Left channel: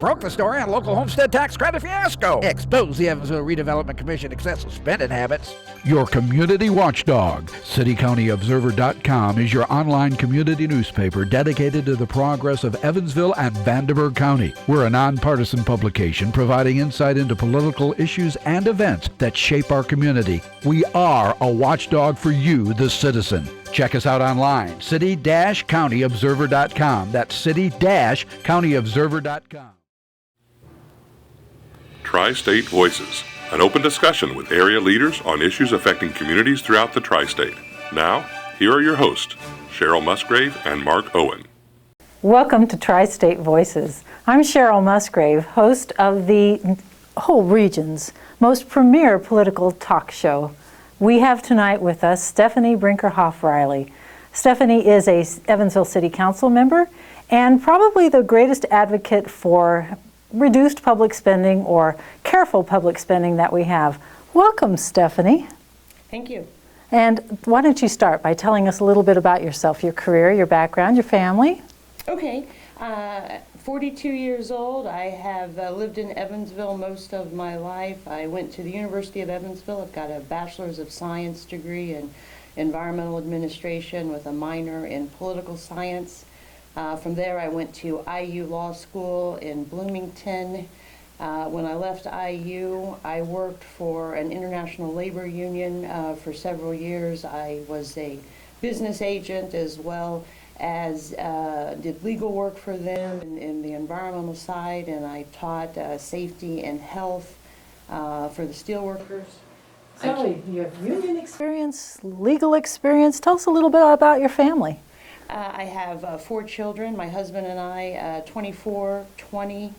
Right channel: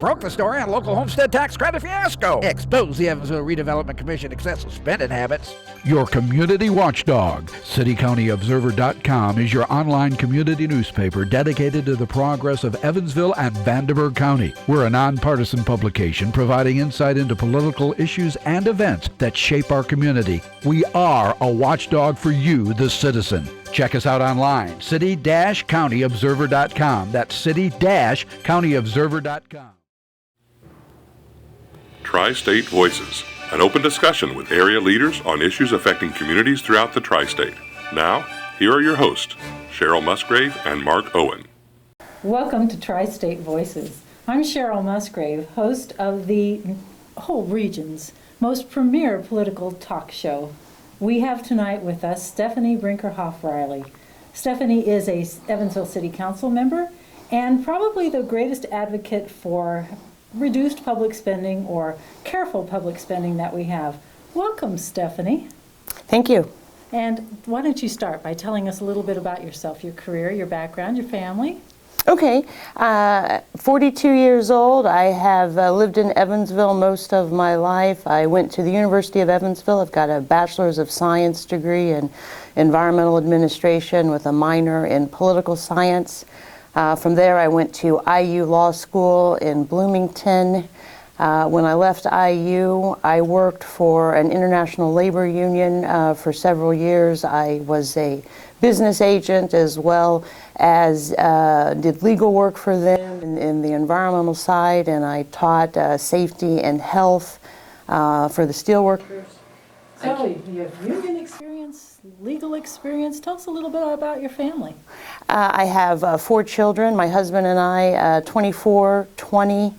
Broke the story on local homestead tax credit fiasco. Expose the Evansville Redevelopment Commission excessive spending habits. Your community watchdog. CityCountyObserver.com is your online community newspaper dedicated to the progress of Evansville and Vanderburgh County. We're a nonpartisan publication providing insight into political issues and events that shape our community. We are a watchdog for you, the citizen. Check us out online, city-countyobserver.com. That's city-countyobserver.com. Tri-State Voices, an open discussion with area leaders on issues affecting communities throughout the Tri-State. Now, here are your hosts, Cheryl Musgrave and Mark Owen. Welcome to Tri-State Voices. I'm Cheryl Musgrave, host of the whole region's most premier political talk show. We have tonight with us Stephanie Brinkerhoff-Riley. Stephanie is a Evansville City Council member and probably the greatest advocate for reduced public spending or careful public spending that we have. Welcome, Stephanie. Thank you. And why don't you start by telling us a little bit about yourself, your career, your background, your family? Okay. 42 years old. I have lived in Evansville most of my life. I went to the University of Evansville. I've got a Bachelor's of Science degree in Environmental Administration with a minor in Political Science. From there, I went to IU Law School in Bloomington. When I left IU, I worked for an international labor union for several years. I was a business agent as well as did legal work for them in the environmental side, and I taught safety and health for the steelworkers. So you have union experience, legal experience. Tell us a little bit about your family. I have 4 children, my husband and I, 24, 20.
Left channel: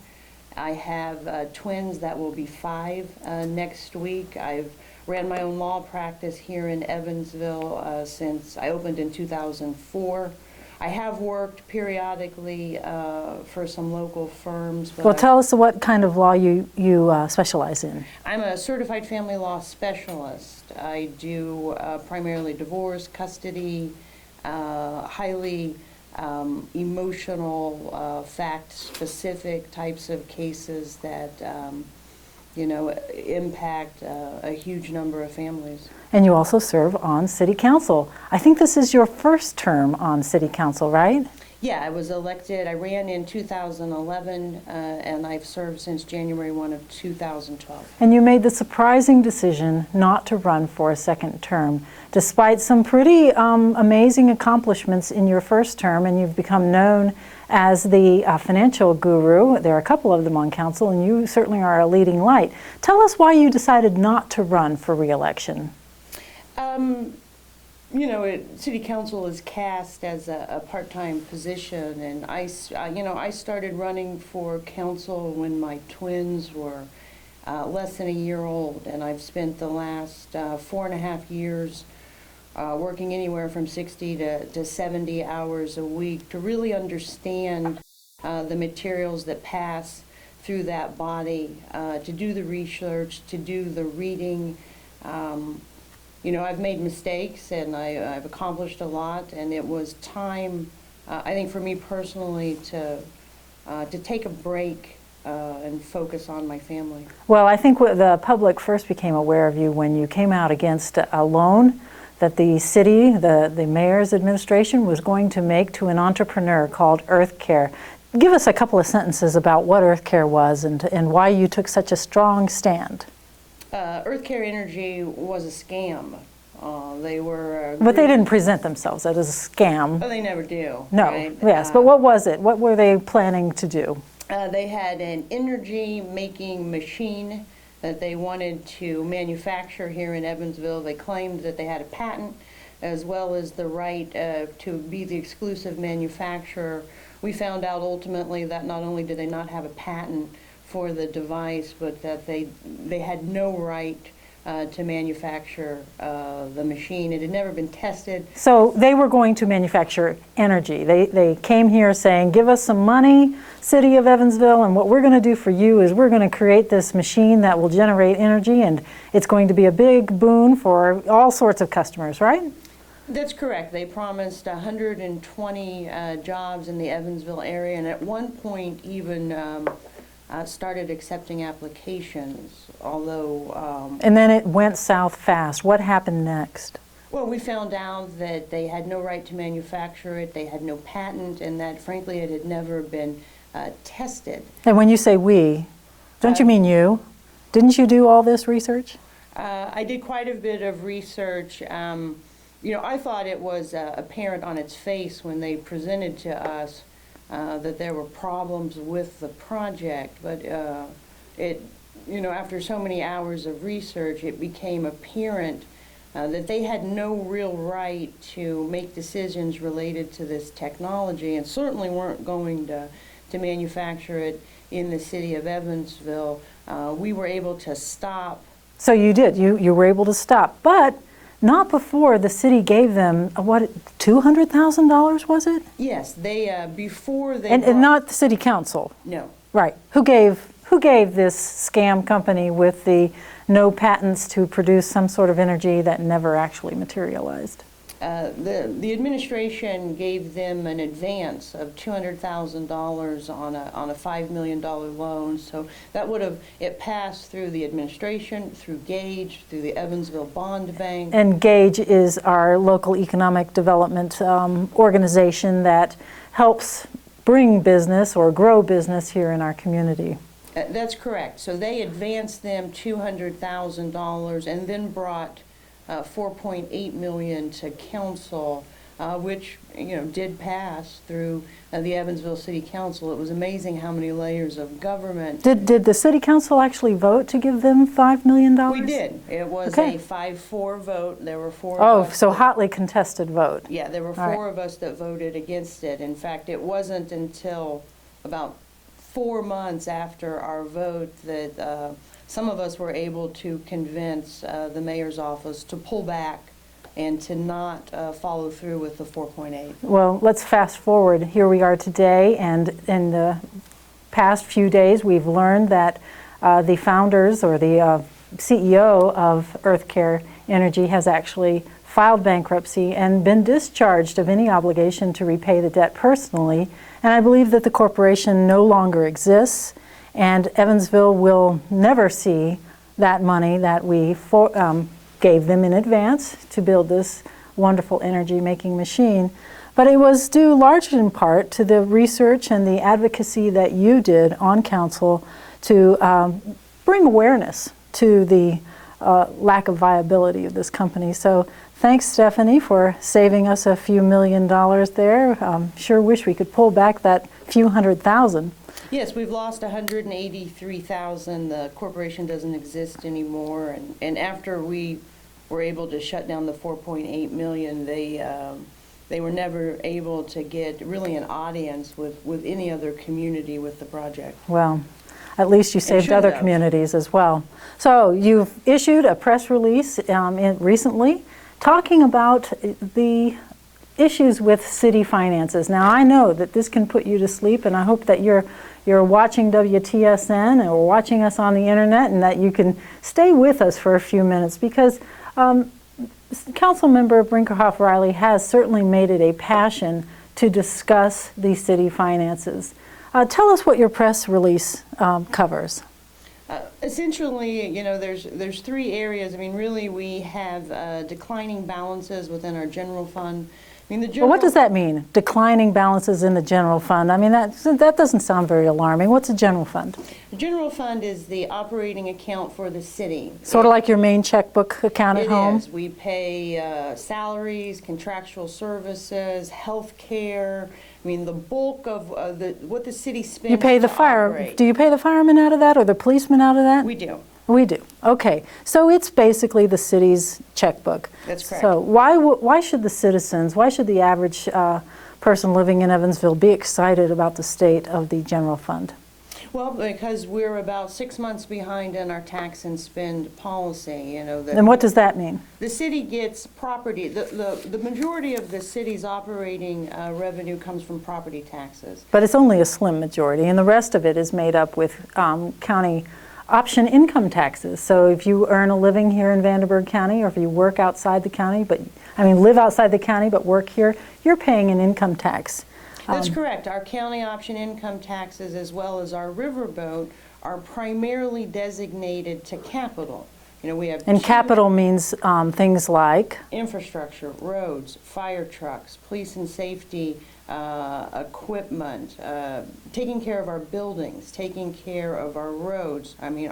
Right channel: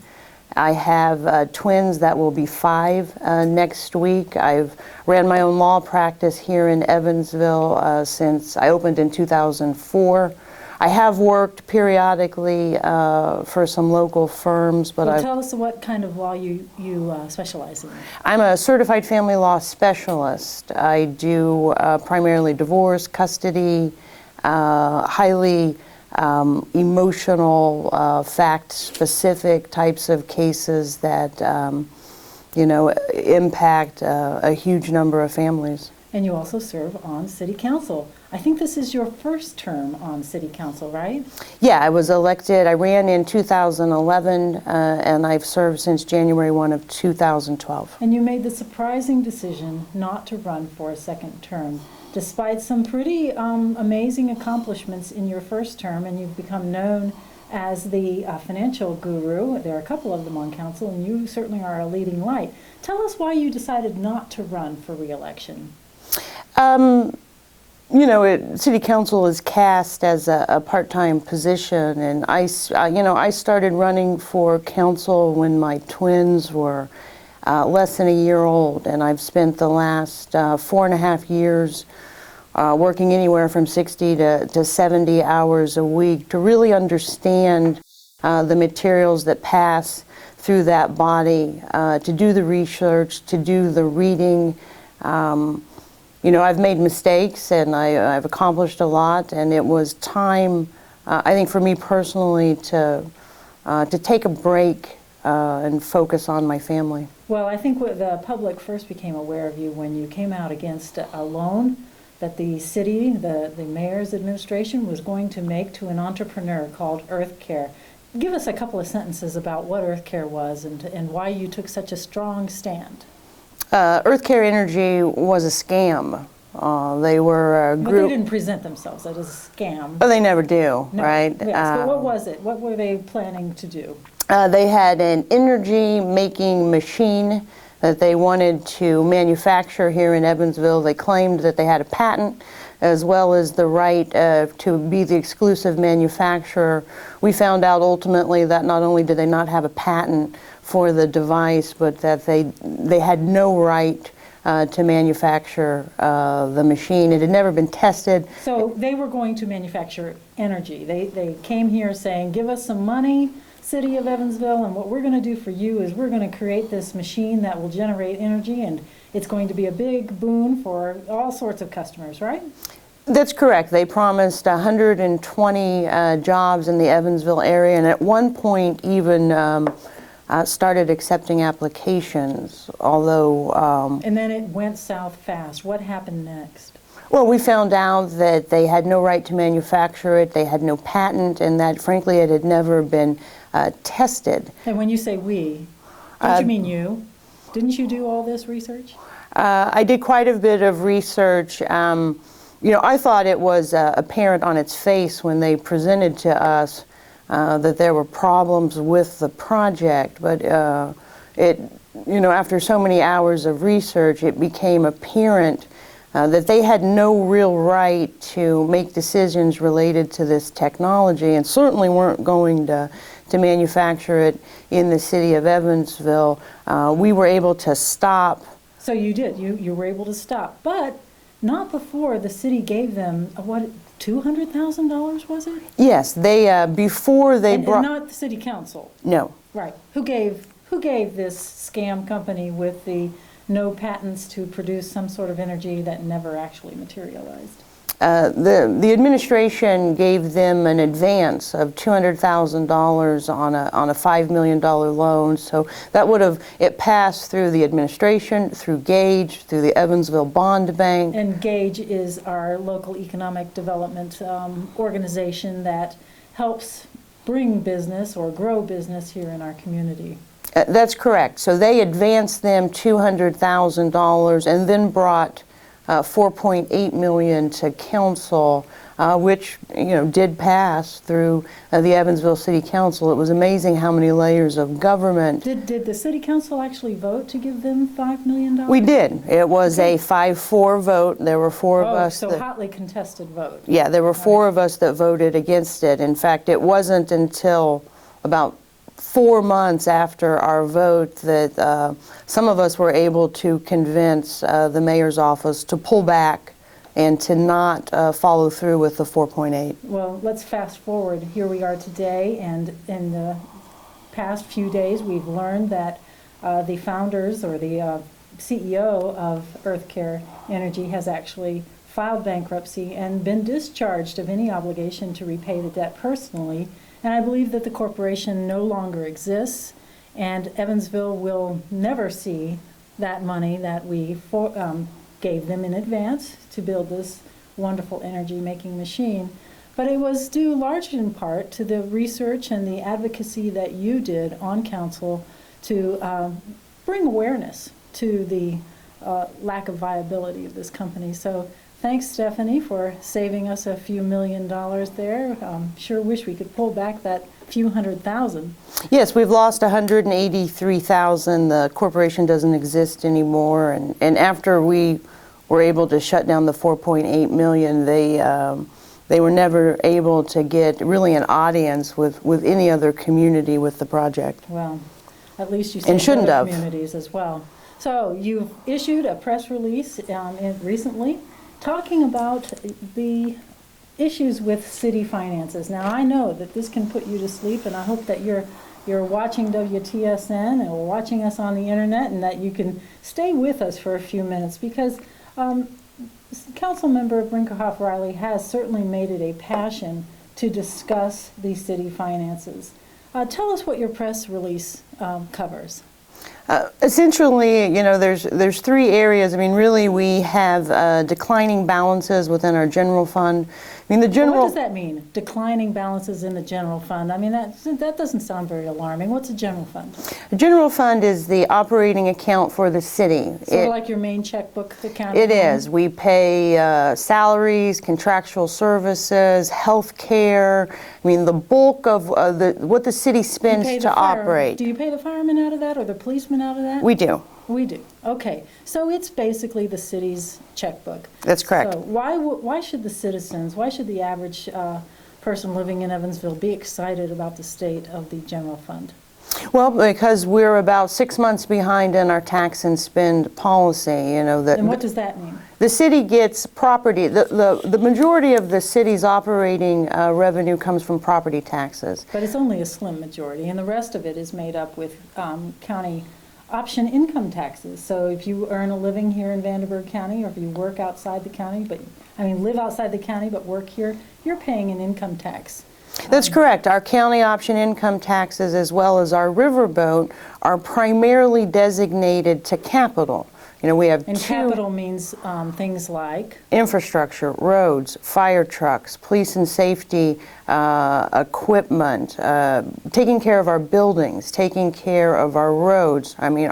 I have twins that will be 5 next week. I've ran my own law practice here in Evansville since I opened in 2004. I have worked periodically for some local firms. But well, tell us what kind of law you specialize in. I'm a certified family law specialist. I do primarily divorce, custody, highly emotional, fact-specific types of cases that, impact a huge number of families. And you also serve on City Council. I think this is your first term on City Council, right? Yeah, I was elected. I ran in 2011, and I've served since January 1 of 2012. And you made the surprising decision not to run for a second term, despite some pretty amazing accomplishments in your first term, and you've become known as the financial guru. There are a couple of them on council, and you certainly are a leading light. Tell us why you decided not to run for re-election. City Council is cast as a part-time position, and I started running for council when my twins were less than a year old, and I've spent the last 4.5 years working anywhere from 60 to 70 hours a week to really understand the materials that pass through that body, to do the research, to do the reading. I've made mistakes, and I've accomplished a lot, and it was time, I think, for me personally to take a break and focus on my family. Well, I think the public first became aware of you when you came out against a loan that the city, the mayor's administration, was going to make to an entrepreneur called Earth Care. Give us a couple of sentences about what Earth Care was and why you took such a strong stand. Earth Care Energy was a scam. They were But they didn't present themselves as a scam. Oh, they never do, no, right? Yes, but what was it? What were they planning to do? They had an energy-making machine that they wanted to manufacture here in Evansville. They claimed that they had a patent as well as the right to be the exclusive manufacturer. We found out ultimately that not only did they not have a patent for the device, but that they had no right to manufacture the machine. It had never been tested. So they were going to manufacture energy. They came here saying, give us some money, City of Evansville, and what we're going to do for you is we're going to create this machine that will generate energy, and it's going to be a big boon for all sorts of customers, right? That's correct. They promised 120 jobs in the Evansville area, and at one point even started accepting applications, although... And then it went south fast. What happened next? Well, we found out that they had no right to manufacture it, they had no patent, and that, frankly, it had never been tested. And when you say we, don't you mean you? Didn't you do all this research? I did quite a bit of research. You know, I thought it was apparent on its face when they presented to us that there were problems with the project, but you know, after so many hours of research, it became apparent that they had no real right to make decisions related to this technology, and certainly weren't going to manufacture it in the city of Evansville. We were able to stop. So you did. You were able to stop, but not before the city gave them, what, $200,000 was it? Yes, they, before they and not the city council. No. Right. Who gave this scam company with the no patents to produce some sort of energy that never actually materialized? The administration gave them an advance of $200,000 on a $5 million loan. So that would have, it passed through the administration, through Gage, through the Evansville Bond Bank. And Gage is our local economic development organization that helps bring business or grow business here in our community. That's correct. So they advanced them $200,000 and then brought $4.8 million to council, which, you know, did pass through the Evansville City Council. It was amazing how many layers of government. Did the City Council actually vote to give them $5 million? We did. It was a 5-4 vote. There were four of us. Oh, so hotly contested vote. Yeah, there were four of us that voted against it. In fact, it wasn't until about 4 months after our vote that some of us were able to convince the mayor's office to pull back and to not follow through with the 4.8. Well, let's fast forward. Here we are today, and in the past few days we've learned that the founders or the CEO of EarthCare Energy has actually filed bankruptcy and been discharged of any obligation to repay the debt personally. And I believe that the corporation no longer exists, and Evansville will never see that money that we gave them in advance to build this wonderful energy-making machine. But it was due largely in part to the research and the advocacy that you did on council to bring awareness to the lack of viability of this company. So thanks, Stephanie, for saving us a few $1 million there. Sure wish we could pull back that few $100,000. Yes, we've lost $183,000. The corporation doesn't exist anymore. And after we were able to shut down the $4.8 million, they were never able to get really an audience with any other community with the project. Well, at least you saved other communities as well. So you've issued a press release recently talking about the issues with city finances. Now, I know that this can put you to sleep, and I hope that you're watching WTSN or watching us on the internet, and that you can stay with us for a few minutes, because Councilmember Brinkerhoff-Riley has certainly made it a passion to discuss the city finances. Tell us what your press release covers. Essentially, you know, there's three areas. I mean, really, we have declining balances within our general fund. I mean, the general. Well, what does that mean? Declining balances in the general fund. I mean, that doesn't sound very alarming. What's a general fund? The general fund is the operating account for the city. Sort of like your main checkbook account at home? It is. We pay salaries, contractual services, health care. I mean, the bulk of what the city spends to operate. Do you pay the firemen out of that, or the policemen out of that? We do. We do. Okay. So it's basically the city's checkbook. That's correct. So why should the citizens, why should the average person living in Evansville be excited about the state of the general fund? Well, because we're about 6 months behind in our tax and spend policy. You know, and what does that mean? The city gets property. The majority of the city's operating revenue comes from property taxes. But it's only a slim majority, and the rest of it is made up with county option income taxes. So if you earn a living here in Vanderburgh County, or if you work outside the county, live outside the county but work here, you're paying an income tax. That's correct. Our county option income taxes as well as our riverboat are primarily designated to capital. You know, we have And capital means things like? Infrastructure, roads, fire trucks, police and safety equipment, taking care of our buildings, taking care of our roads. I mean,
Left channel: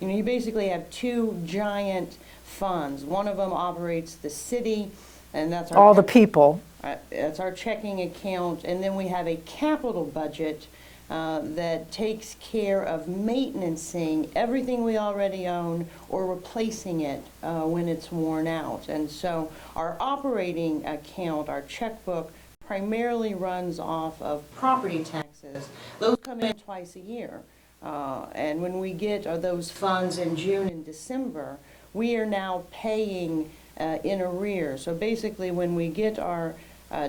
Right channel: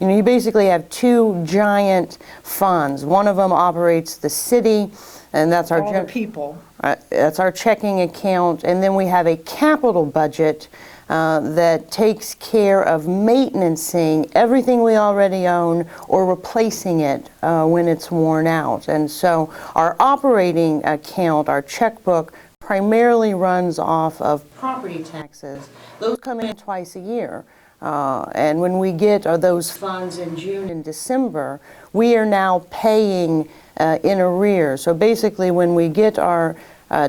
you basically have two giant funds. One of them operates the city, and that's our all the people. That's our checking account, and then we have a capital budget that takes care of maintaining everything we already own or replacing it when it's worn out. And so our operating account, our checkbook, primarily runs off of property taxes. Those come in twice a year. And when we get those funds in June and December, we are now paying in arrears. So basically when we get our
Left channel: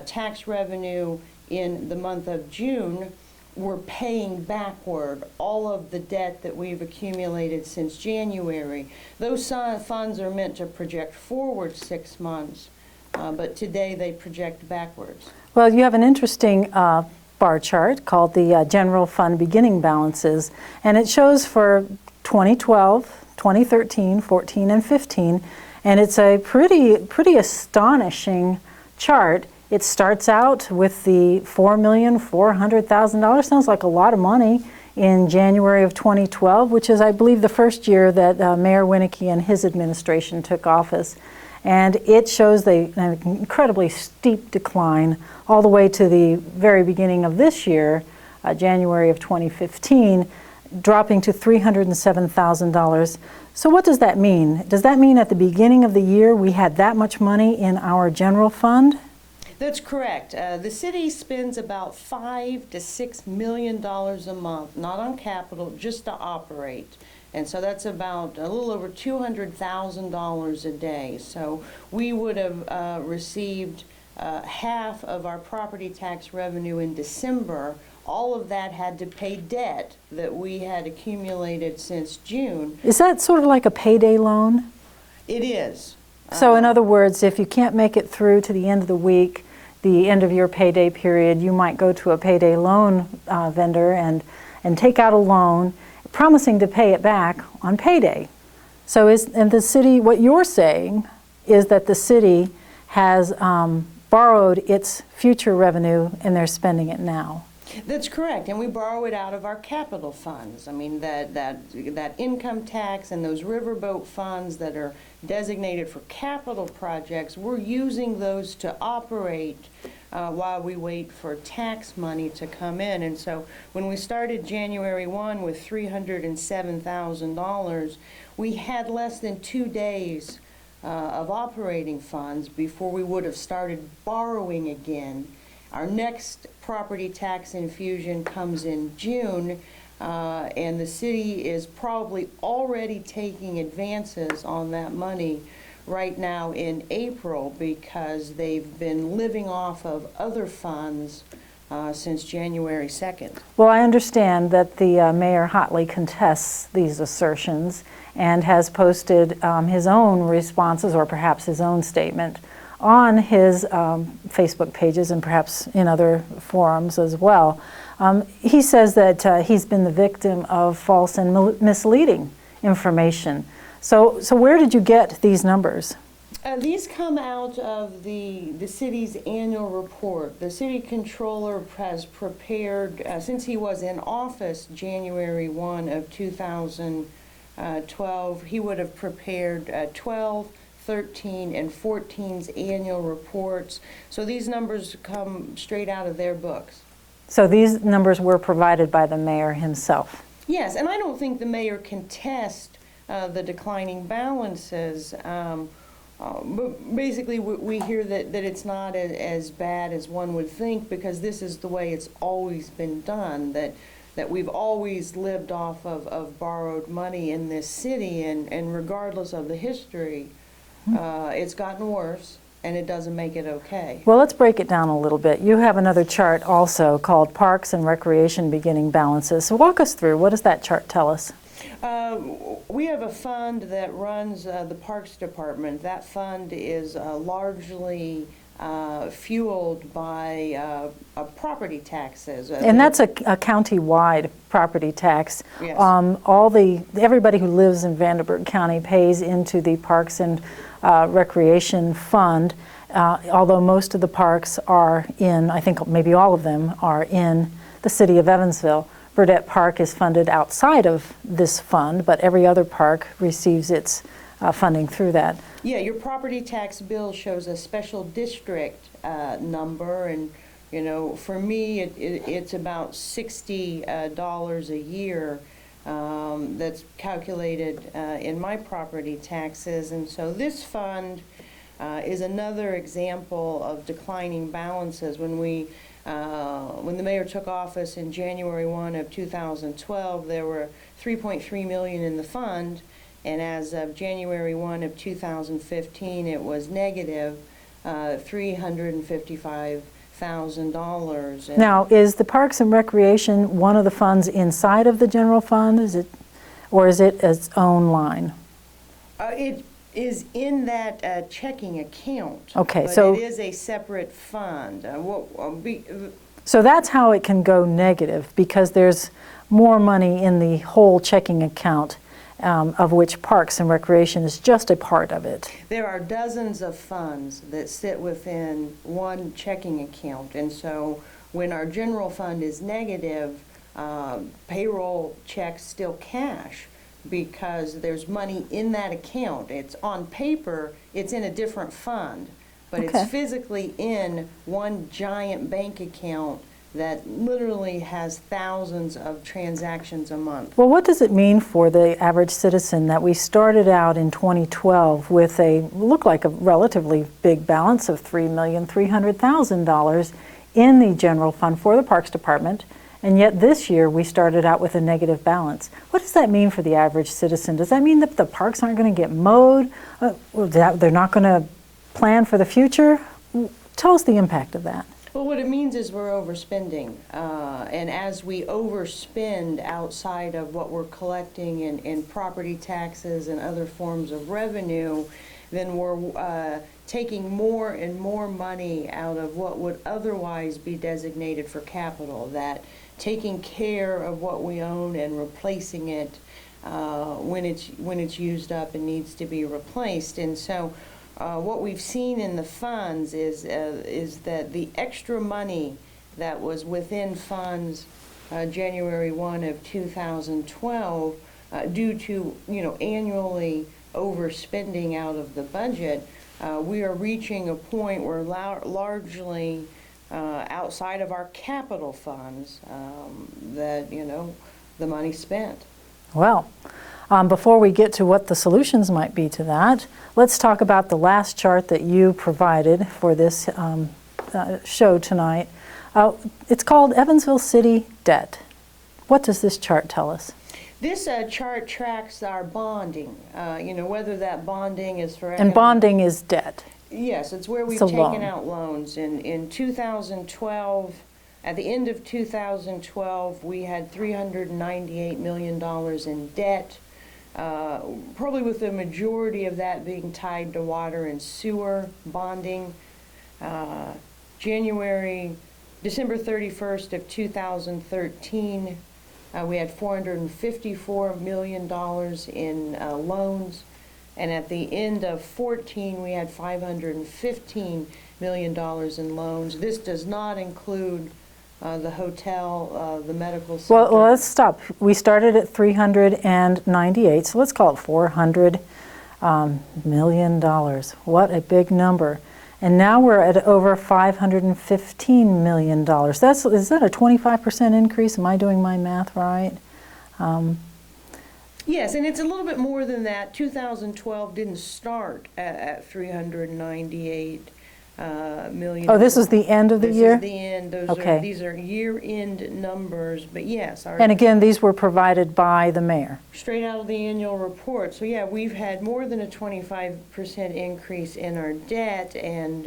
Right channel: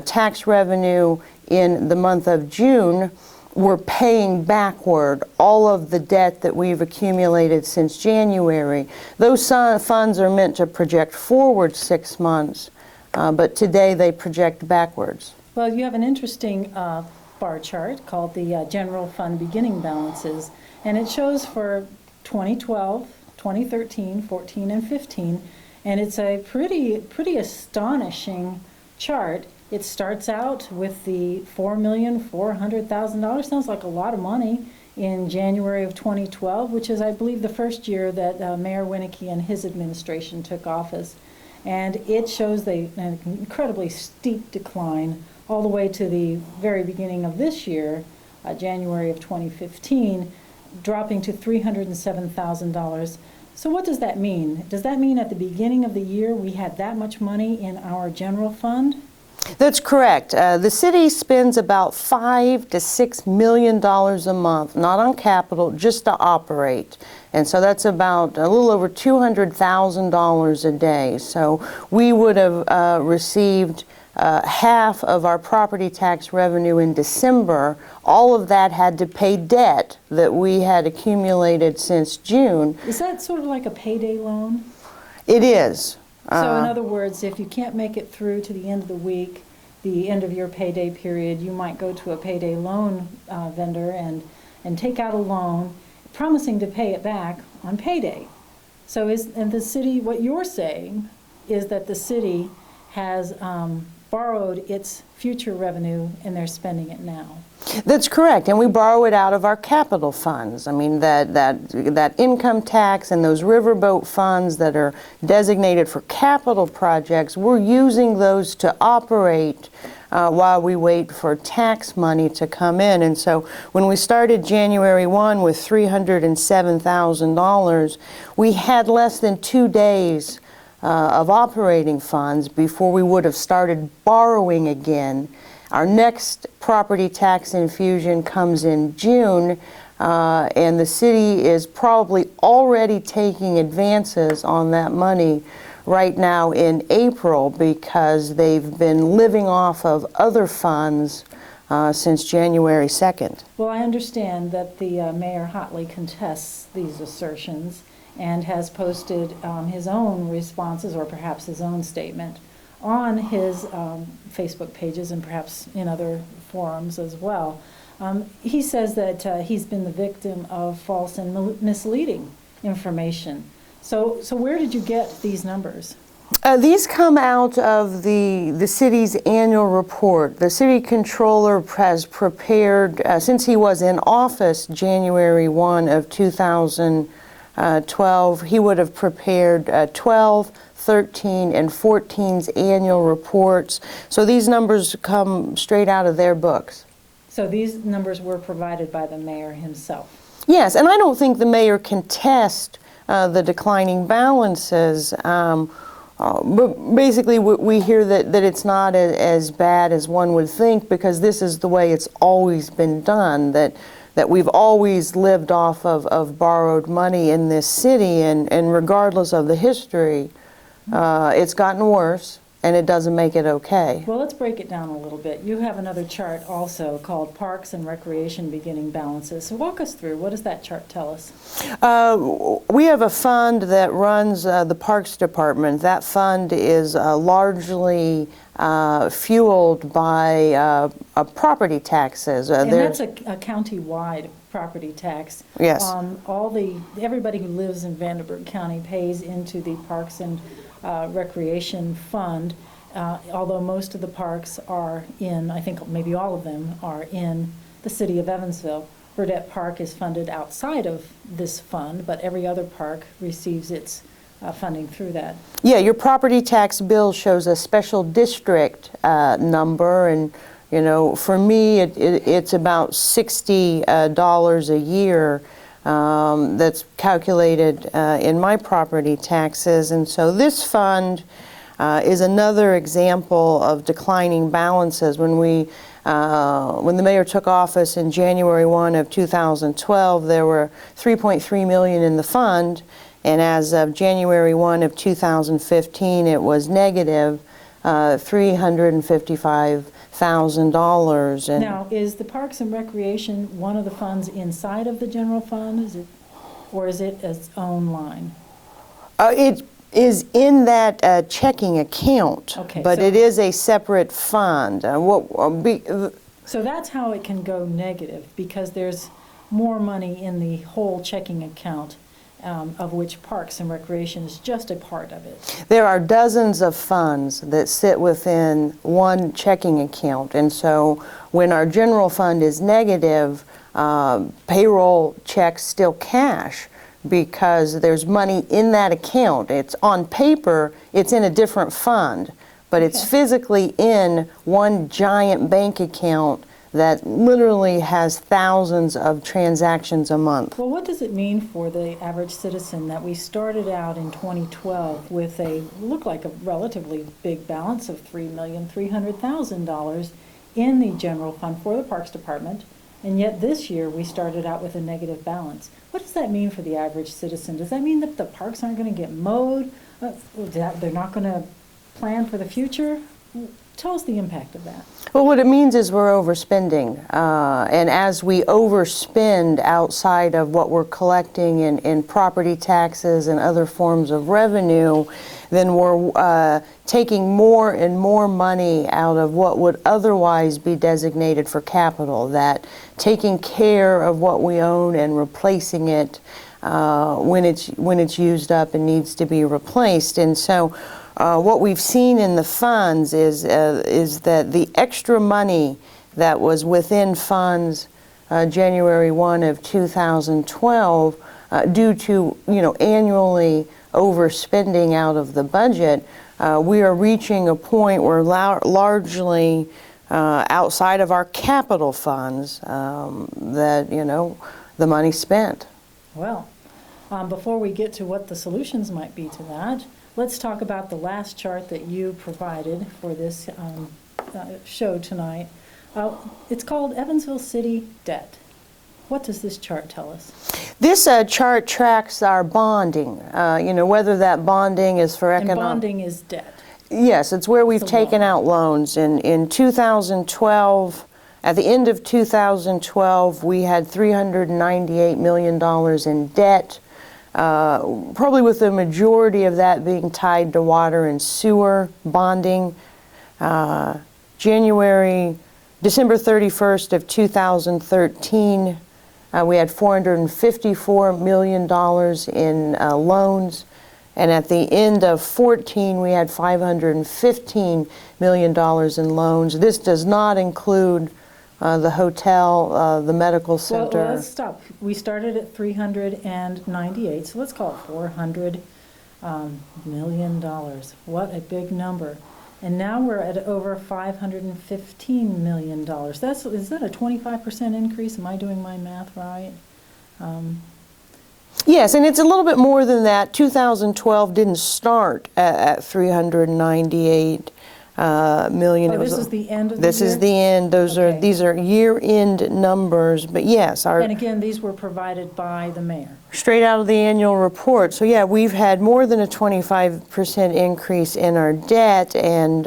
tax revenue in the month of June, we're paying backward all of the debt that we've accumulated since January. Those funds are meant to project forward 6 months, but today they project backwards. Well, you have an interesting bar chart called the General Fund Beginning Balances, and it shows for 2012, 2013, 14, and 15, and it's a pretty astonishing chart. It starts out with the $4,400,000. Sounds like a lot of money in January of 2012, which is, I believe, the first year that Mayor Winnicky and his administration took office. And it shows an incredibly steep decline all the way to the very beginning of this year, January of 2015, dropping to $307,000. So what does that mean? Does that mean at the beginning of the year we had that much money in our general fund? That's correct. The city spends about $5 to $6 million a month, not on capital, just to operate. And so that's about a little over $200,000 a day. So we would have received half of our property tax revenue in December. All of that had to pay debt that we had accumulated since June. Is that sort of like a payday loan? It is. So in other words, if you can't make it through to the end of the week, the end of your payday period, you might go to a payday loan vendor and take out a loan, promising to pay it back on payday. So and the city, what you're saying is that the city has borrowed its future revenue and they're spending it now. That's correct, and we borrow it out of our capital funds. I mean, that income tax and those riverboat funds that are designated for capital projects, we're using those to operate while we wait for tax money to come in. And so when we started January 1 with $307,000, we had less than 2 days of operating funds before we would have started borrowing again. Our next property tax infusion comes in June, and the city is probably already taking advances on that money right now in April because they've been living off of other funds since January 2nd. Well, I understand that the mayor hotly contests these assertions and has posted his own responses or perhaps his own statement on his Facebook pages and perhaps in other forums as well. He says that he's been the victim of false and misleading information. So where did you get these numbers? These come out of the city's annual report. The city controller has prepared, since he was in office January 1 of 2012, he would have prepared 12, 13, and 14's annual reports. So these numbers come straight out of their books. So these numbers were provided by the mayor himself? Yes, and I don't think the mayor can test the declining balances. But basically we hear that it's not as bad as one would think because this is the way it's always been done, that we've always lived off of borrowed money in this city, and regardless of the history, it's gotten worse, and it doesn't make it okay. Well, let's break it down a little bit. You have another chart also called Parks and Recreation Beginning Balances. So walk us through. What does that chart tell us? We have a fund that runs the Parks Department. That fund is largely fueled by property taxes. And that's a county-wide property tax. Yes. Everybody who lives in Vanderburgh County pays into the Parks and Recreation Fund, although most of the parks are in, I think maybe all of them are in the city of Evansville. Burdette Park is funded outside of this fund, but every other park receives its funding through that. Yeah, your property tax bill shows a special district number, and you know, for me, it's about $60 a year that's calculated in my property taxes, and so this fund is another example of declining balances. When the mayor took office in January 1 of 2012, there were $3.3 million in the fund, and as of January 1 of 2015, it was negative $355,000. Now, is the Parks and Recreation one of the funds inside of the general fund? Or is it its own line? It is in that checking account, okay, but so it is a separate fund. So that's how it can go negative, because there's more money in the whole checking account, of which Parks and Recreation is just a part of it. There are dozens of funds that sit within one checking account, and so when our general fund is negative, payroll checks still cash, because there's money in that account. It's on paper, it's in a different fund, but okay. It's physically in one giant bank account that literally has thousands of transactions a month. Well, what does it mean for the average citizen that we started out in 2012 with looked like a relatively big balance of $3,300,000 in the general fund for the Parks Department, and yet this year we started out with a negative balance? What does that mean for the average citizen? Does that mean that the parks aren't going to get mowed? They're not going to plan for the future? Tell us the impact of that. Well, what it means is we're overspending. And as we overspend outside of what we're collecting in property taxes and other forms of revenue, then we're taking more and more money out of what would otherwise be designated for capital, that taking care of what we own and replacing it when it's used up and needs to be replaced. And so what we've seen in the funds is that the extra money that was within funds January 1 of 2012, due to annually overspending out of the budget, we are reaching a point where largely outside of our capital funds that the money's spent. Well, before we get to what the solutions might be to that, let's talk about the last chart that you provided for this show tonight. It's called Evansville City Debt. What does this chart tell us? This chart tracks our bonding, whether that bonding is for economic... And bonding is debt. Yes, it's where we've taken out loans. In 2012, at the end of 2012, we had $398 million in debt, probably with the majority of that being tied to water and sewer bonding. December 31st of 2013, we had $454 million in loans, and at the end of 14, we had $515 million in loans. This does not include the hotel, the medical center. Well, let's stop. We started at 398, so let's call it $400 million. What a big number. And now we're at over $515 million. Is that a 25% increase? Am I doing my math right? Yes, and it's a little bit more than that. 2012 didn't start at $398 million. Oh, this is the end of the year? This is the end. These are year-end numbers, but yes. And again, these were provided by the mayor? Straight out of the annual report. So yeah, we've had more than a 25% increase in our debt, and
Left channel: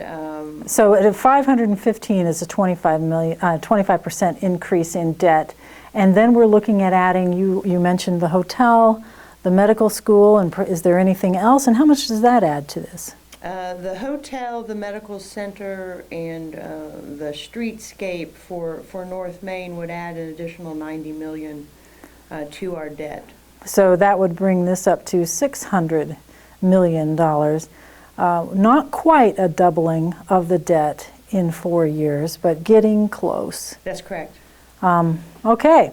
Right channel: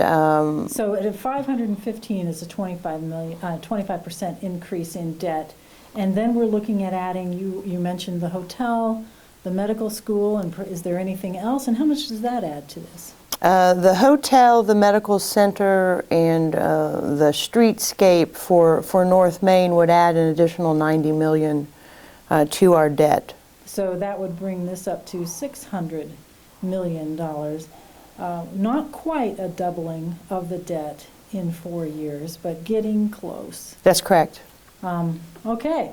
so at 515 is a 25% increase in debt, and then we're looking at adding. You mentioned the hotel, the medical school, and is there anything else? And how much does that add to this? The hotel, the medical center, and the streetscape for North Main would add an additional $90 million to our debt. So that would bring this up to $600 million. Not quite a doubling of the debt in 4 years, but getting close. That's correct. Okay,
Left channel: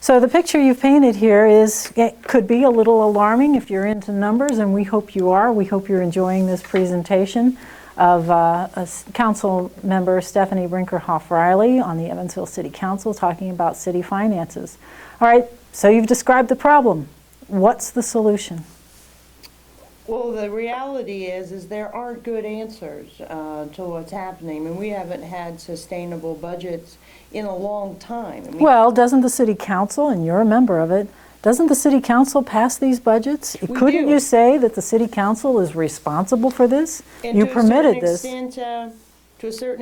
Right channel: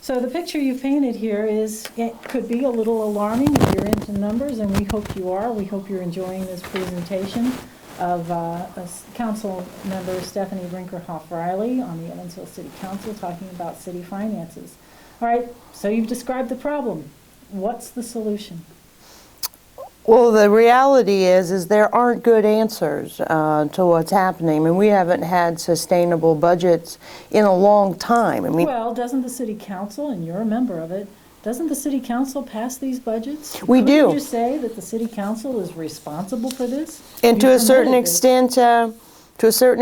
so the picture you've painted here it could be a little alarming if you're into numbers, and we hope you are. We hope you're enjoying this presentation of Council Member Stephanie Brinkerhoff-Riley on the Evansville City Council talking about city finances. All right, so you've described the problem. What's the solution? Well, the reality is there aren't good answers to what's happening. I mean, we haven't had sustainable budgets in a long time. I mean, well, doesn't the City Council, and you're a member of it, doesn't the City Council pass these budgets? We do. Couldn't you say that the City Council is responsible for this? And You to a certain permitted this.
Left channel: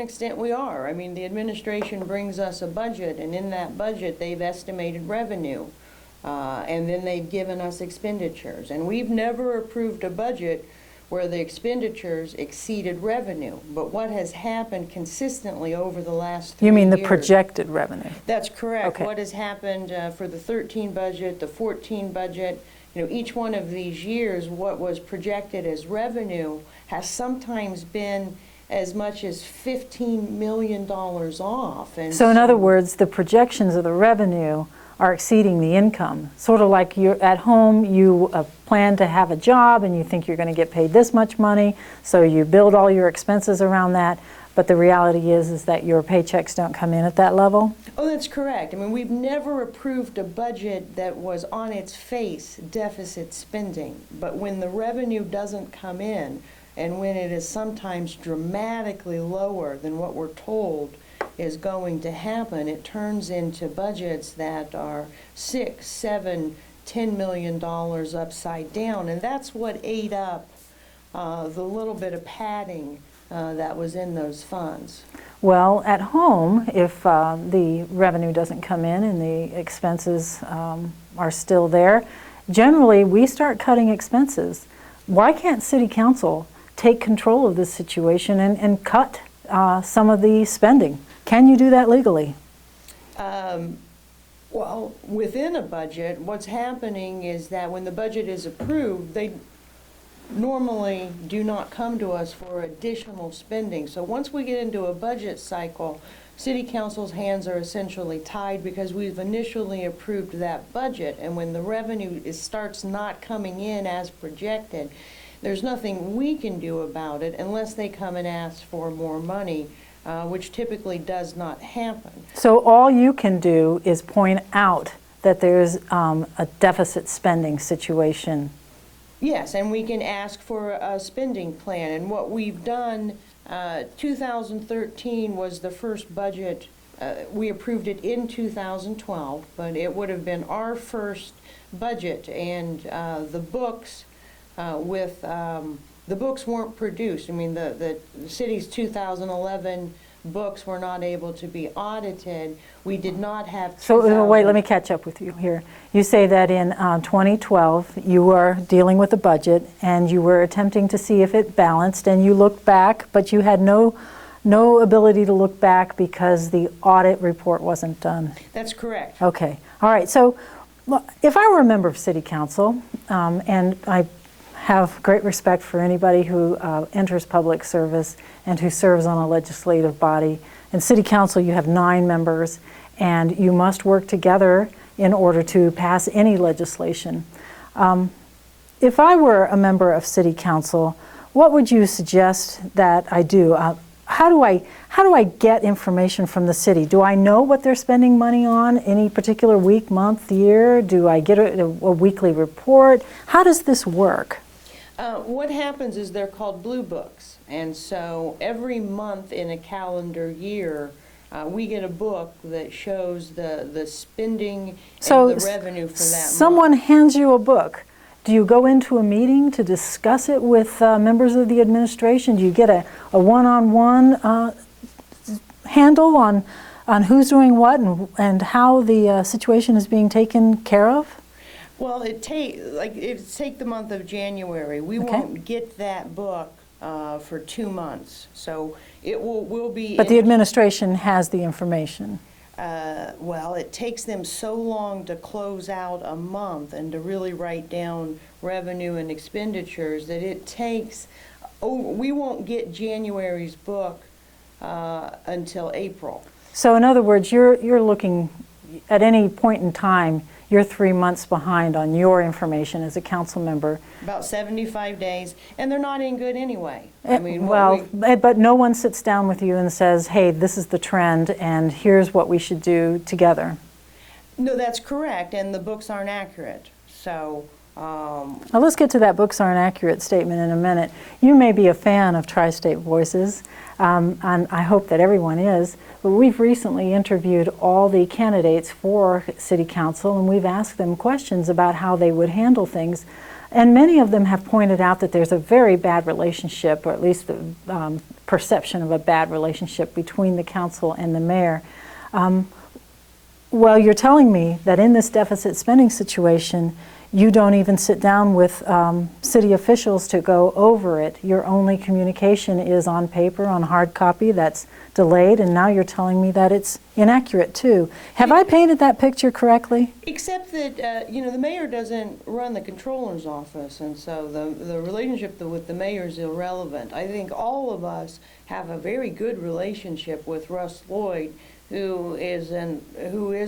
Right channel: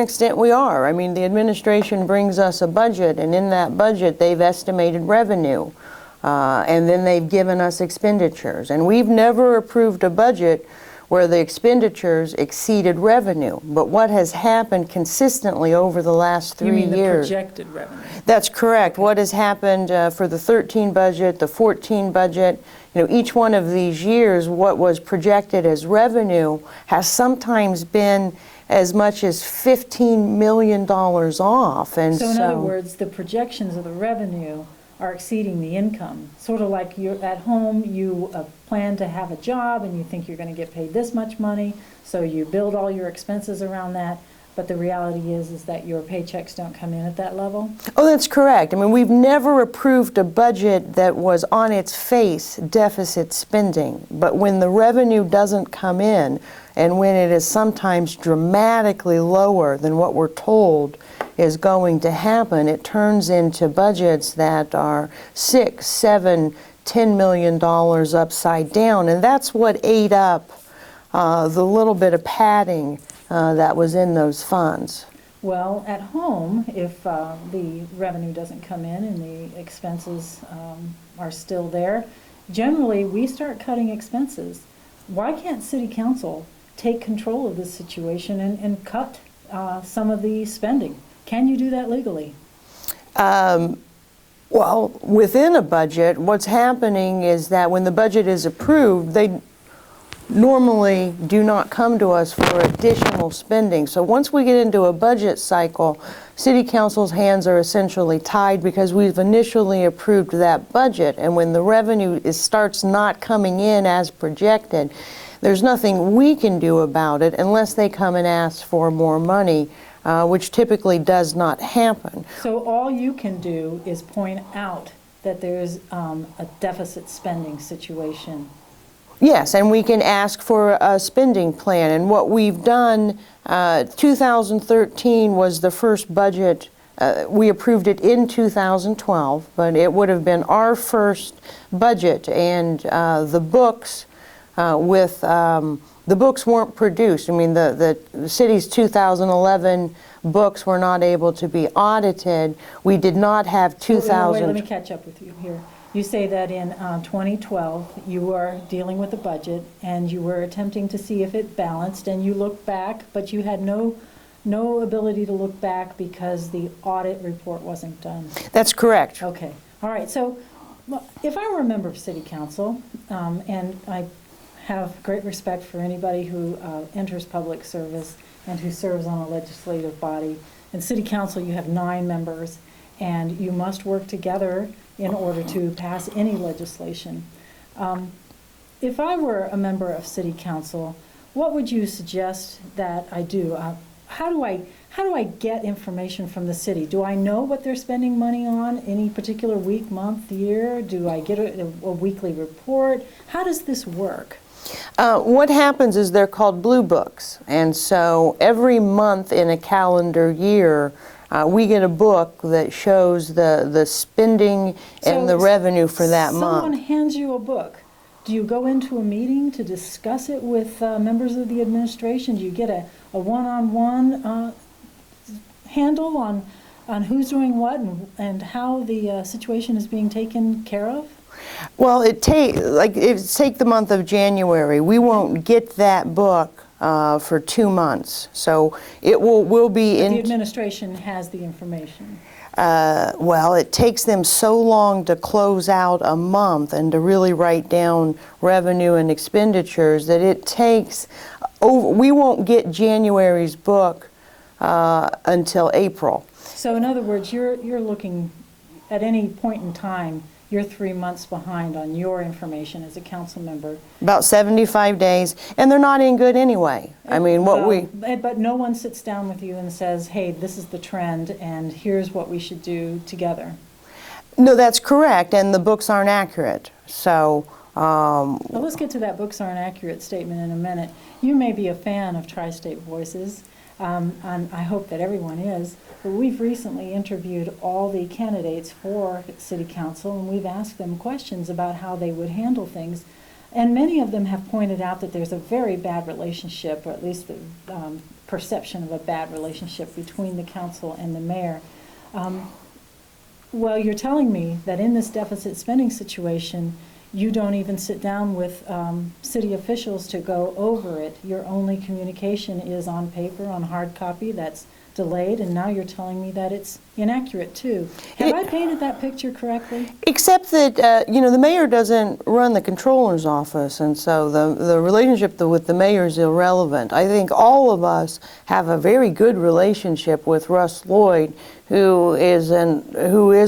extent, we are. I mean, the administration brings us a budget, and in that budget, they've estimated revenue. And then they've given us expenditures. And we've never approved a budget where the expenditures exceeded revenue. But what has happened consistently over the last 3 years... You mean the projected revenue? That's correct. Okay. What has happened for the 13 budget, the 14 budget, each one of these years, what was projected as revenue has sometimes been as much as $15 million off. And so in other words, the projections of the revenue are exceeding the income. Sort of like you're at home, you plan to have a job and you think you're going to get paid this much money, so you build all your expenses around that, but the reality is that your paychecks don't come in at that level? Oh, that's correct. I mean, we've never approved a budget that was on its face deficit spending, but when the revenue doesn't come in, and when it is sometimes dramatically lower than what we're told is going to happen, it turns into budgets that are $6, $7, $10 million upside down, and that's what ate up the little bit of padding that was in those funds. Well, at home, if the revenue doesn't come in and the expenses are still there, generally we start cutting expenses. Why can't City Council take control of this situation and cut some of the spending? Can you do that legally? Well, within a budget, what's happening is that when the budget is approved, they normally do not come to us for additional spending. So once we get into a budget cycle, City Council's hands are essentially tied because we've initially approved that budget, and when the revenue starts not coming in as projected, there's nothing we can do about it unless they come and ask for more money, which typically does not happen. So all you can do is point out that there's a deficit spending situation. Yes, and we can ask for a spending plan. And what we've done, 2013 was the first budget. We approved it in 2012, but it would have been our first budget, and the books the books weren't produced. I mean, the city's 2011 books were not able to be audited. We did not have 2000. So, wait, let me catch up with you here. You say that in 2012 you were dealing with the budget and you were attempting to see if it balanced, and you looked back, but you had no ability to look back because the audit report wasn't done. That's correct. Okay. All right. So if I were a member of City Council, and I have great respect for anybody who enters public service and who serves on a legislative body. In City Council, you have 9 members, and you must work together in order to pass any legislation. If I were a member of City Council, what would you suggest that I do? How do I get information from the city? Do I know what they're spending money on any particular week, month, year? Do I get a weekly report? How does this work? What happens is they're called blue books, and so every month in a calendar year we get a book that shows the spending and the revenue for that month. Someone hands you a book. Do you go into a meeting to discuss it with members of the administration? Do you get a one-on-one handle on who's doing what and how the situation is being taken care of? Well, take the month of January. We won't get that book for 2 months. So it will be. But the administration has the information. Well, it takes them so long to close out a month and to really write down revenue and expenditures that it takes. We won't get January's book until April. So in other words, you're looking at any point in time, you're 3 months behind on your information as a council member. About 75 days, and they're not any good anyway. I mean, but no one sits down with you and says, hey, this is the trend, and here's what we should do together. No, that's correct, and the books aren't accurate. So. Well, let's get to that books aren't accurate statement in a minute. You may be a fan of Tri-State Voices, and I hope that everyone is, but we've recently interviewed all the candidates for City Council, and we've asked them questions about how they would handle things. And many of them have pointed out that there's a very bad relationship, or at least the perception of a bad relationship between the council and the mayor. Well, you're telling me that in this deficit spending situation, you don't even sit down with city officials to go over it. Your only communication is on paper, on hard copy, that's delayed, and now you're telling me that it's inaccurate too. Have I painted that picture correctly? Except that, the mayor doesn't run the controller's office, and so the relationship with the mayor is irrelevant. I think all of us have a very good relationship with Russ Lloyd, who is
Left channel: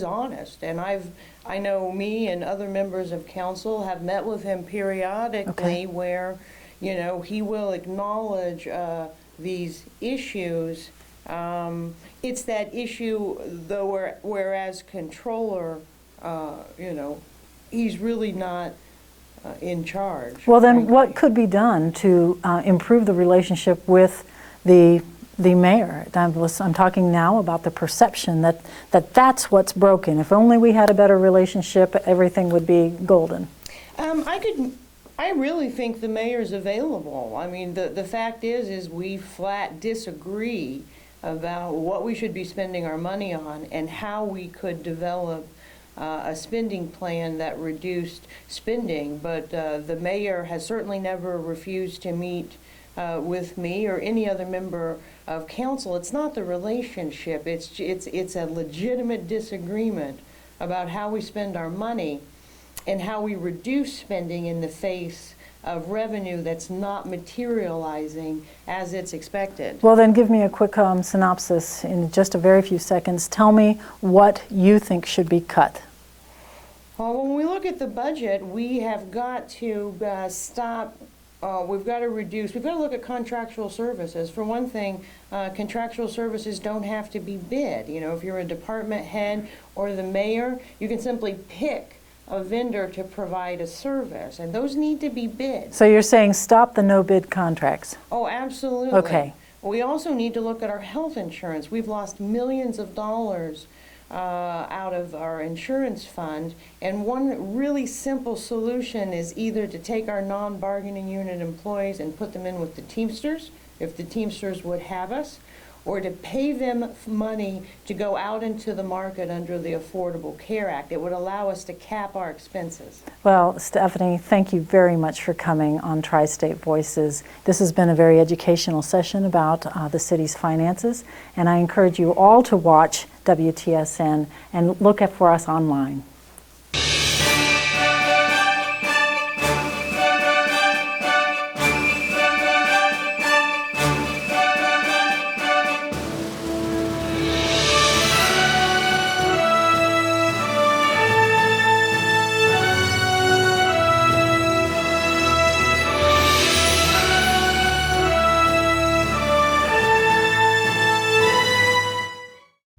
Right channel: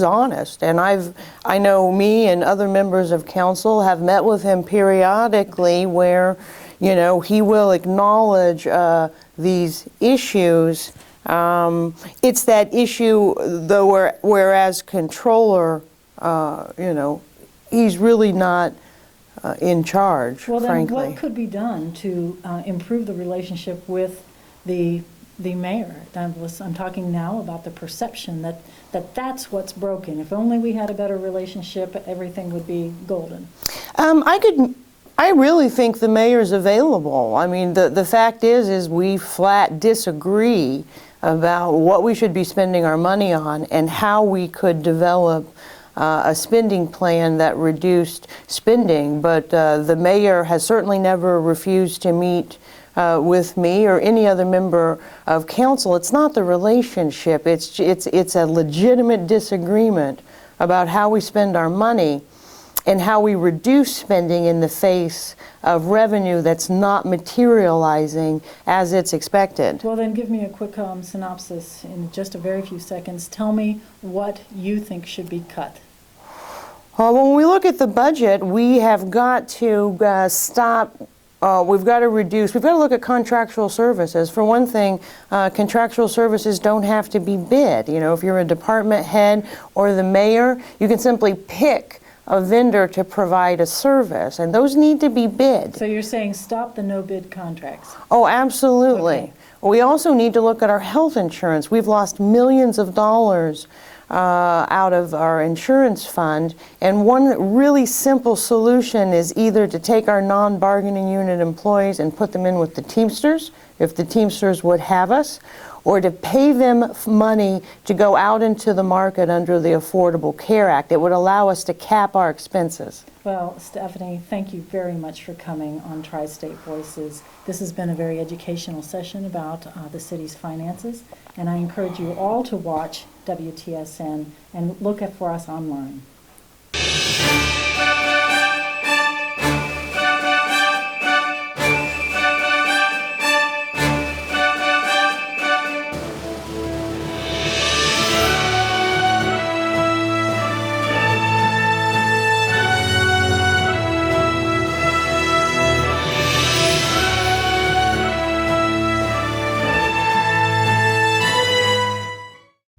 honest, and I know me and other members of council have met with him periodically, where he will acknowledge these issues. It's that issue though, whereas controller, he's really not in charge. Well, then frankly. What could be done to improve the relationship with the mayor? I'm talking now about the perception that's what's broken. If only we had a better relationship, everything would be golden. I really think the mayor's available. I mean, the fact is we flat disagree about what we should be spending our money on and how we could develop a spending plan that reduced spending. But the mayor has certainly never refused to meet with me or any other member of council. It's not the relationship. It's a legitimate disagreement about how we spend our money and how we reduce spending in the face of revenue that's not materializing as it's expected. Well, then give me a quick synopsis in just a very few seconds. Tell me what you think should be cut. When we look at the budget, we have got to stop. We've got to reduce. We've got to look at contractual services. For one thing, contractual services don't have to be bid. If you're a department head or the mayor, you can simply pick a vendor to provide a service, and those need to be bid. So you're saying stop the no-bid contracts? Oh, absolutely. Okay. We also need to look at our health insurance. We've lost millions of dollars out of our insurance fund, and one really simple solution is either to take our non-bargaining unit employees and put them in with the Teamsters, if the Teamsters would have us, or to pay them money to go out into the market under the Affordable Care Act. It would allow us to cap our expenses. Well, Stephanie, thank you very much for coming on Tri-State Voices. This has been a very educational session about the city's finances, and I encourage you all to watch WTSN and look for us online.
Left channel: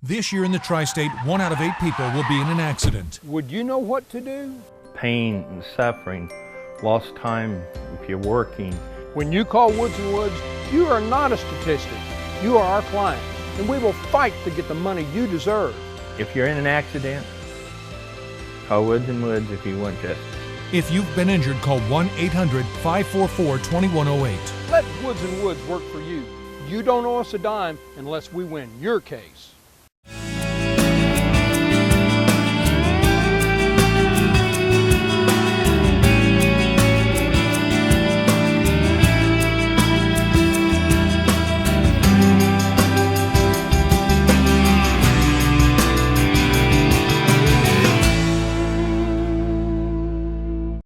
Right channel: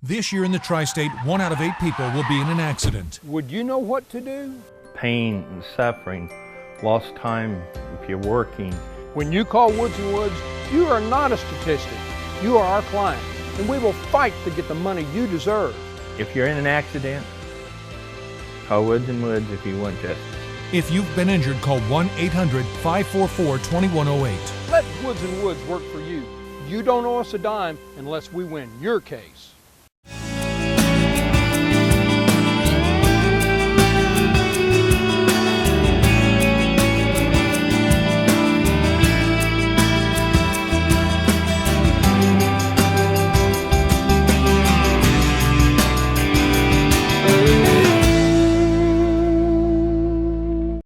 This year in the Tri-State, 1 out of 8 people will be in an accident. Would you know what to do? Pain and suffering, lost time if you're working. When you call Woods & Woods, you are not a statistic. You are our client, and we will fight to get the money you deserve. If you're in an accident, call Woods & Woods if you want justice. If you've been injured, call 1-800-544-2108. Let Woods & Woods work for you. You don't owe us a dime unless we win your case.